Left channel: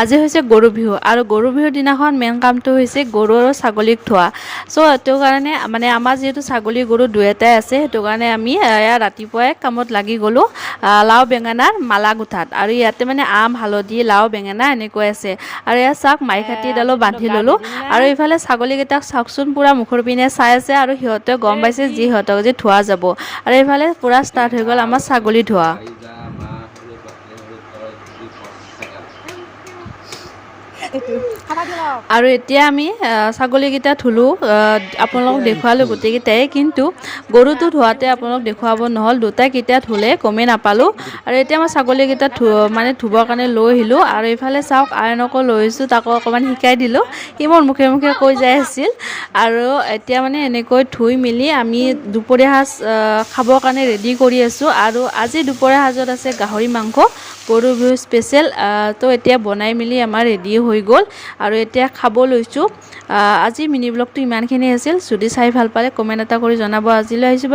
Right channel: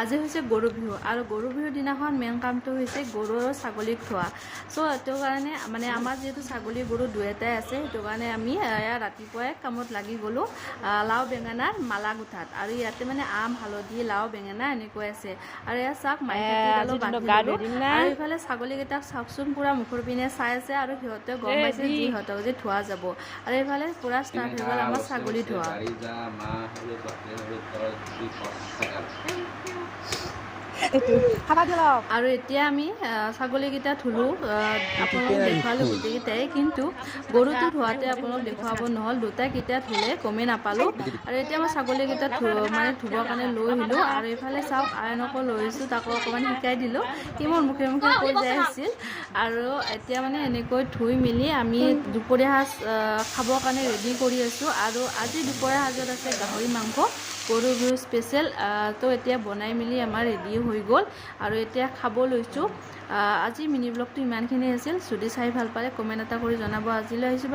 আজি হৈছে গৰু বিহু আৰু গৰু বিহুৰ দিনাখন মেইন কামটো হৈছে গৰু আৰু ছাগলীক ধোৱা। চ' সেইটো কাৰণে মানে আমাৰ যিহেতু ছাগলী গৰু দুয়োটাই আছে, সেইটো কাৰণে আমি ৰাতিপুৱাই কামত লাগি গ'লোঁ লাও বেঙেনাৰ মালা গুঠাত। আৰু ইয়াতে মানে আম হালধি লাও বেঙেনা এনেকৈ আছে। আৰু এয়া চাওক মাই খাতিডালো বান্ধি ল'লোঁ। আৰু এইফালে ছাগলীকেইটাক চাওকচোন পূৰা মুখৰ পিনে চাই আছে আৰু সিহঁতে গম পাইছে যি সিহঁতক যে ধোৱা যাব। আৰু এইফালে পূৰা ষ্টাৰ্ট হৈ গ'ল আমাৰ ছাগলী ধোৱা। আৰু এতিয়া আমি ছাগলীকেইটা ধুলোঁ, আপোনালোকক দেখুৱালোঁ গোটেইকেইটাই। কিন্তু গৰুটো ধোৱাতে আপোনালোক দেখুৱাব নহ'ল, দুটাই কেতিয়া ধুলে গমেই নাপালোঁ। আৰু এতিয়া মই ছাগলীকেইটা ধুবৰ কাৰণে লৈ আহিলোঁ। আৰু এইফালে চাওক আইনকো লৈ আহিছোঁ, তাকো অকণমান শিকাই দিলোঁ। সি মোৰ মুখে মুখে কৈ যাই আছিল। আৰু এতিয়া মানে এনেকৈ ধুই মেলি আমি দুপৰীয়া সাজ খাবৰ কাৰণে ৰেডি কৰি আছোঁ। আৰু আজি দুপৰীয়া সাজত আছে গাহৰি মাংস, গৰু বিহু স্পেচিয়েল। তো এতিয়া বনাই মেলি আমাৰ ৰেডি হৈ গ'ল আৰু এতিয়া খাব লৈছোঁ। আজি মিনি ব্লগটো ইমানখিনি আছিল। যদি চাই ভাল পালে কমেণ্ট এটা কৰি জনাব। আজিলৈ আহিছোঁ।